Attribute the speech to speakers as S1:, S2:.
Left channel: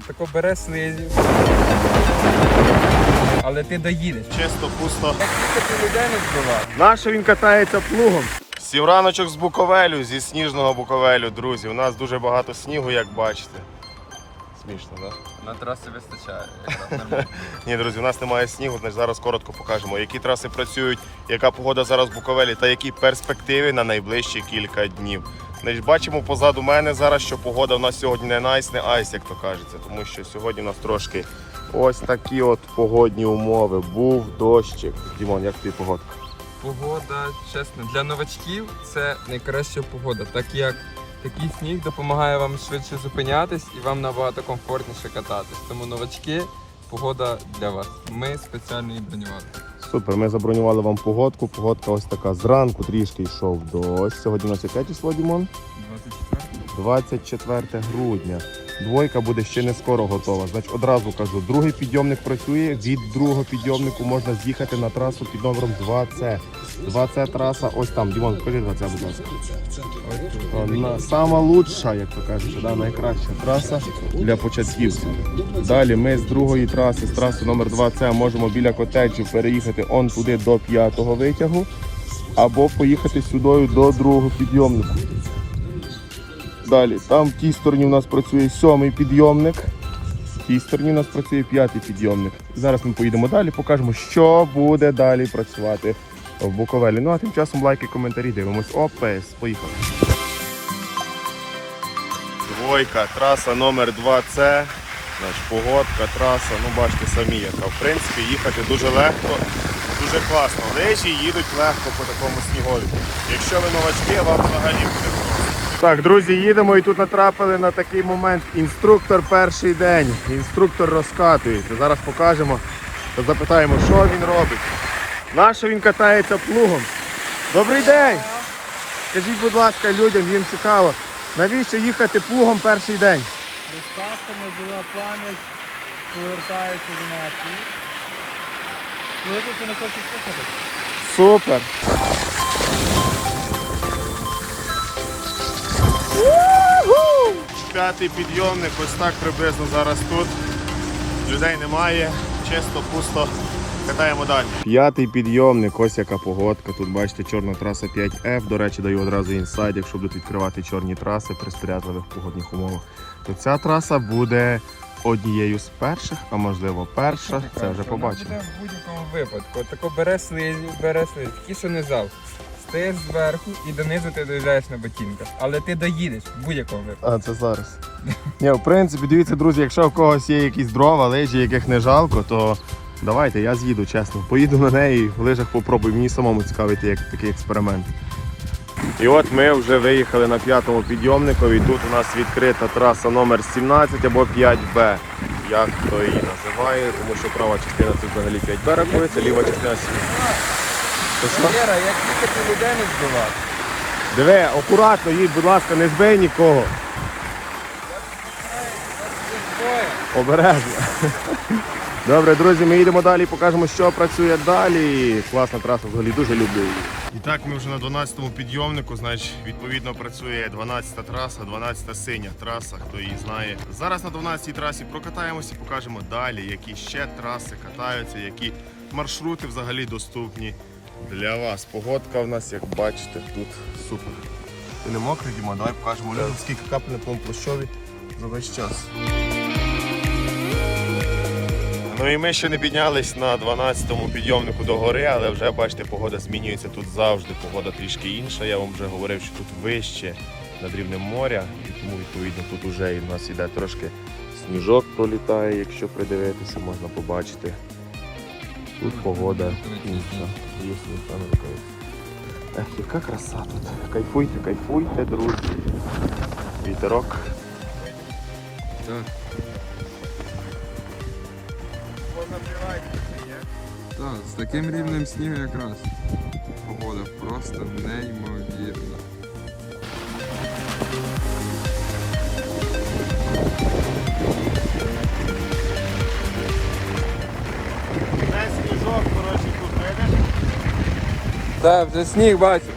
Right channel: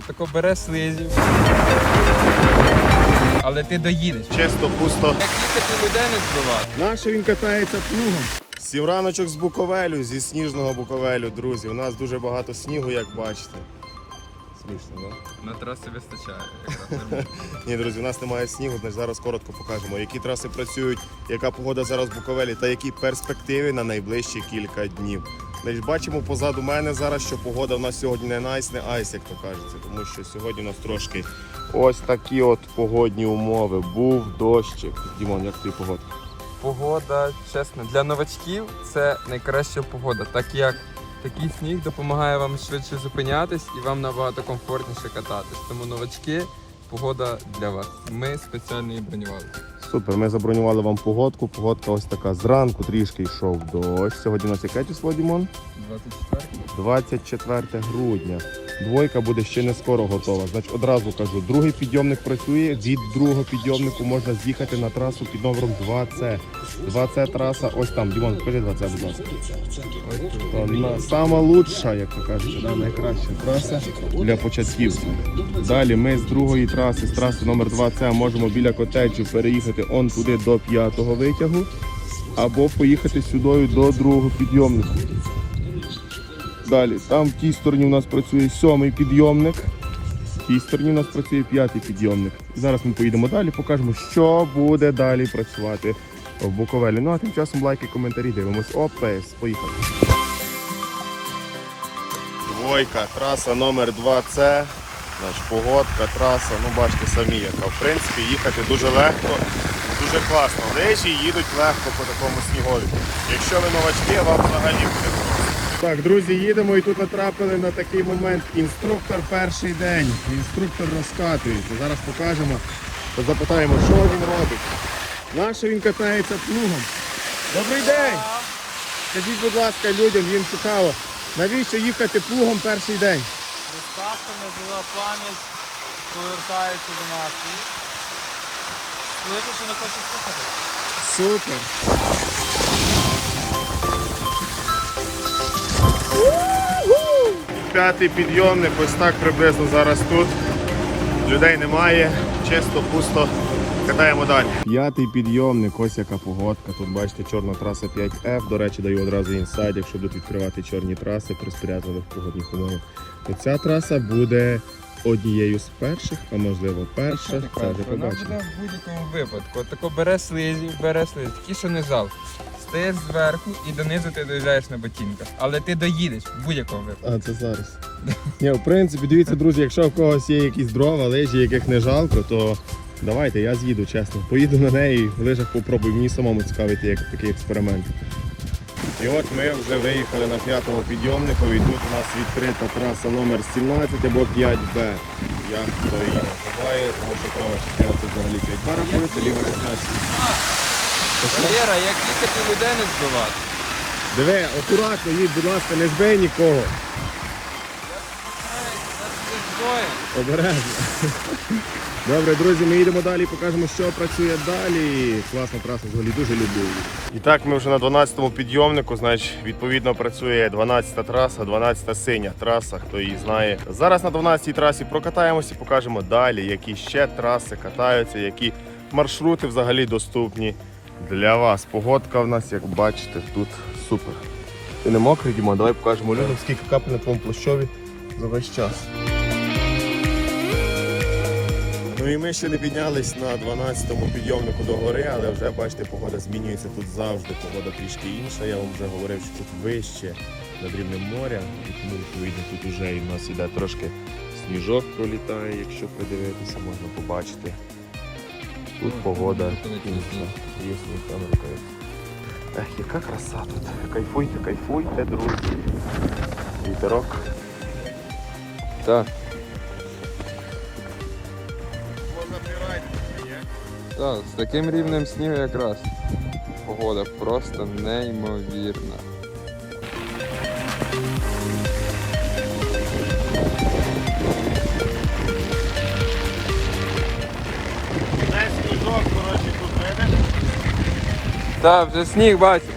S1: Тако бере слизів. Але ти доїдеш.
S2: Чисто, пусто.
S1: Як їхати людей не збивати.
S2: Наше він катається плугом. Сів раночок з Буковелю, зі сніжного Буковелю, друзі. У нас дуже багато снігу, як бачите. Смішно, так? Да?
S1: На трасі вистачає.
S2: Ні, друзі, у нас немає снігу, значить зараз коротко покажемо, які траси працюють, яка погода зараз в Буковелі та які перспективи на найближчі кілька днів. Значить, бачимо позаду мене зараз, що погода в нас сьогодні не найс, не айс, як то кажеться, тому що сьогодні у нас трошки ось такі от погодні умови. Був дощик. Дімон, як тобі погодка?
S1: Погода, чесно, для новачків це найкраща погода, так як такий сніг допомагає вам швидше зупинятись і вам набагато комфортніше кататись. Тому новачки, погода для вас. Ми спеціально її бронювали.
S2: Супер, ми забронювали вам погодку. Погодка ось така. Зранку трішки йшов дощ. Сьогодні у нас яке число, Дімон?
S1: 24
S2: 24 грудня. Двойка буде ще не скоро готова. Значить, одразу кажу, другий підйомник працює. Від другого підйомнику можна з'їхати на трасу під номером 2C. 2C траса, ось там. Дімон, покажи 2C, будь ласка.
S1: Ось тут.
S2: Це на- Сама лучша, як то кажуть, да, найкраща траса для початківців. Далі ми з другої траси, з траси номер 2C, можемо біля котеджу переїхати он туди до п'ятого витягу, або поїхати сюди до другого підйомнику. Далі, там в тій стороні у нас працює сьомий підйомник, в тій стороні у нас працює п'ятий підйомник. Зараз ми поїдемо далі, покажемо, що буде далі працювати в Буковелі. Ну а тим часом лайки, коментарі, дивимось. ОПС, поїхали. Двойка, траса номер 2С. Значить, погодка, траса, ну бачите самі яка. В принципі, їхати дуже легко, дуже класно. Лежі їдуть легко по такому снігові. Якщо ви новачки, вам взагалі буде просто. Так, друзі, їдемо і тут натрапили на такий момент. Інструктор перший день. Інструктор розкатується. Зараз покажемо, запитаємо, що він робить. Нащо він катається плугом? Добрий день! Скажіть, будь ласка, людям, їм цікаво, навіщо їхати плугом перший день?
S3: Доставка жива пам'ять повертається до нас. Слухайте, що не хочуть слухати?
S2: Супер. П'ятий підйомник, ось так приблизно зараз тут. Людей немає, чисто, пусто. Катаємо далі. П'ятий підйомник, ось яка погодка. Тут бачите, чорна траса 5F. До речі, даю одразу інсайд, якщо будуть відкривати чорні траси при сприятливих погодних умовах. То ця траса буде однією з перших, а можливо перша. Це вже побачимо.
S1: Ну, В будь-якому випадку. Тако бере слизів, бере слизів, такі, що не зал. Стаєш зверху і донизу ти доїжджаєш на ботинках. Але ти доїдеш в будь-якому випадку.
S2: А, це зараз. Ні, в принципі, дивіться, друзі, якщо в когось є якісь дрова, лижі, яких не жалко, то давайте, я з'їду, чесно. Поїду на неї, в лижах попробую. Мені самому цікавити як такий експеримент. І от ми вже виїхали на п'ятому підйомнику, і тут у нас відкрита траса номер 17 або 5Б. Як хто її називає, тому що права частина тут взагалі 5Б рахується, ліва частина.
S1: Валера, як їхати людей не збивати?
S2: Диви, акуратно їдь, будь ласка, не збий нікого. Обережно. Добре, друзі, ми їдемо далі, покажемо, що працює далі. Класна траса, взагалі дуже люблю. І так, ми вже на 12-му підйомнику, значить, відповідно працює 12-та траса, 12-та синя траса, хто її знає. Зараз на 12-й трасі прокатаємося і покажемо далі, які ще траси катаються, які маршрути взагалі доступні для вас. Погодка в нас, як бачите, тут супер. Ти не мокрий, Діма? Давай покажемо людям, скільки капель на твоєму площові за весь час. Ну і ми ще не піднялись на 12-му підйомнику до гори, але вже бачите, погода змінюється тут завжди. Погода трішки інша. Я вам вже говорив, що тут вище над рівнем моря, і тому відповідно тут вже і в нас іде трошки сніжок пролітає, якщо придивитися, можна побачити. Тут погода інша. Ех, яка краса. Кайфуйте, кайфуйте, друзі. Вітерок.
S1: Так. Так, з таким рівнем снігу якраз. Погода просто неймовірна.
S2: Це сніжок, коротше, тут видиш?
S1: Так, вже сніг бачу.